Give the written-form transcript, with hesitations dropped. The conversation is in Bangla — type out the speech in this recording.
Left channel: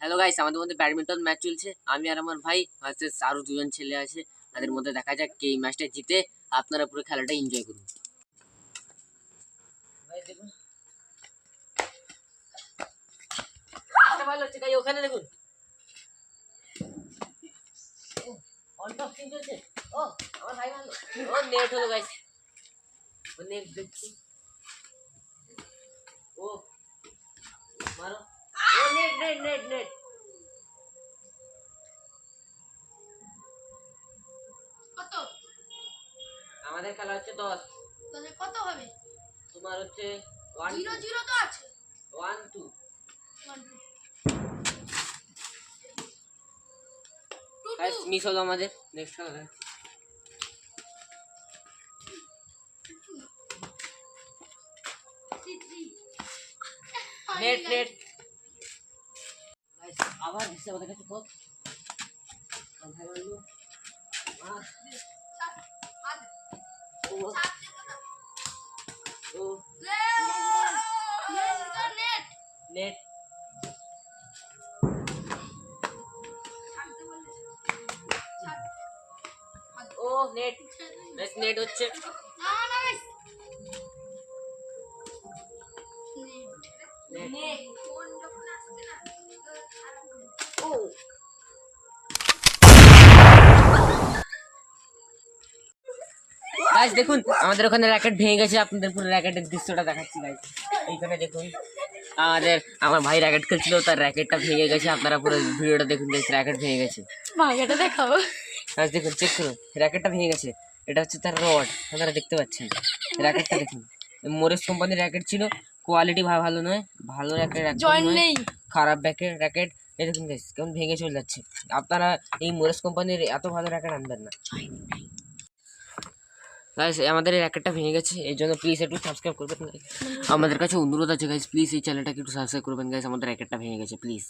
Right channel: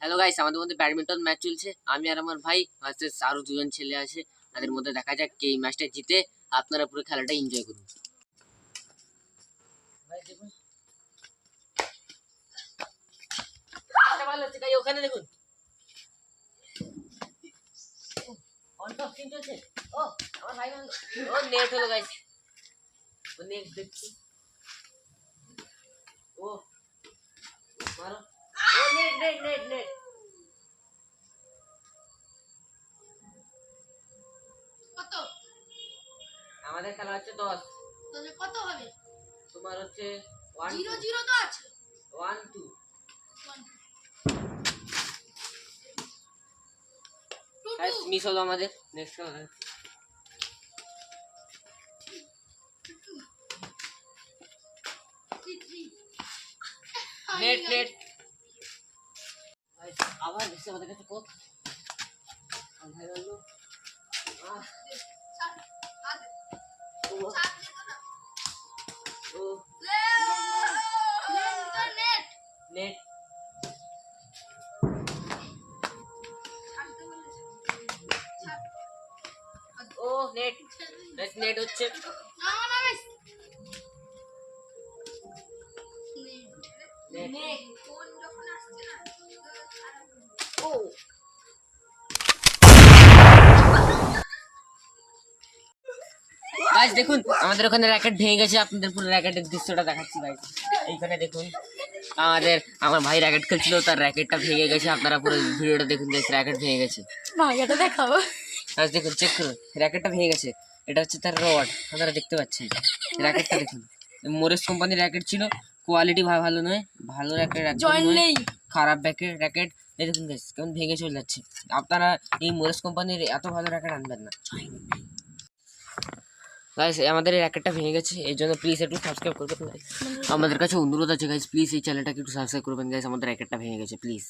হ্যালো গাইস, আমাদের মধ্যে ব্যাডমিন্টন ম্যাচ চলছে। আমি আর আমার ভাই ভার্সেস আরো দুজন ছেলে আছে। তাদের মধ্যে দেখা যাক কে এই ম্যাচটা জিতে। আপনারা পুরো খেলাটা এনজয় করুন। ভাই দেখুন, ম্যাচটা ভালো হচ্ছে গাই। ওখানে দেখুন, অন টপ স্পিন চলছে। ও আমার ভাই মারলো, ও নেট হলো গাইস। ও নেক্সট দেখছি, ও মারো, ও নেট নেট নেট নেট। কত? আমাদের খেলা হচ্ছে 10। তাহলে কত হবে? তোমার হচ্ছে 1 0 0 তো আছে। 1 2 1 গাইস, মিস হলো আমাদের। নেক্সট খেলা দেখাচ্ছি। 2 3 নেট নেট গাইস, আবার দিচ্ছে আমাদের কাছে কোক। আমার ভাই মারলো, ও ও নেট, ও নেট গাইস, নেট হচ্ছে। নেট, ও গাইস দেখুন, আমাদের ওখানে র্যাকেট ভেঙে গেছে। আপনাদের পুরো র্যাকেটের দৃশ্যটা দেখাচ্ছি গাইস। এইখানে দেখুন, আমার ভাই র্যাকেট খেলছিল, তার র্যাকেটটা ভেঙে গেছে। আপনারা পুরো ভিডিওটা দেখুন গাইস, র্যাকেট ভেঙে গেছে। ভাইয়াটা দেখাবো। গাইস দেখুন, চেক করুন, র্যাকেটটা ভেঙে গেছে। এটা হচ্ছে তার রড, আপনারা দেখতে পাচ্ছেন। র্যাকেটটা দেখুন, মোরেস কোম্পানির র্যাকেট ছিল, কোয়ালিটি ভালো নয়, ভালো র্যাকেট জয়েন্ট নেই। খারাপ র্যাকেট। এই দেখুন গাইস, কেমন ভেঙে চলে যাচ্ছে। আপনারা এই মোরেস কোম্পানির এত ভালো র্যাকেট আনবেন না গাইস। আমাদের এই র্যাকেটটা ভেঙে গেছে, এই জন্য প্লিজ একটু সাবস্ক্রাইব করবেন গাইস। আমাদের কাছে অনুরোধ আছে গাইস, প্লিজ এই চ্যানেলটাকে একটু সাবস্ক্রাইব করবেন গাইস। আমাদের র্যাকেটটা ভেঙে গেছে, প্লিজ।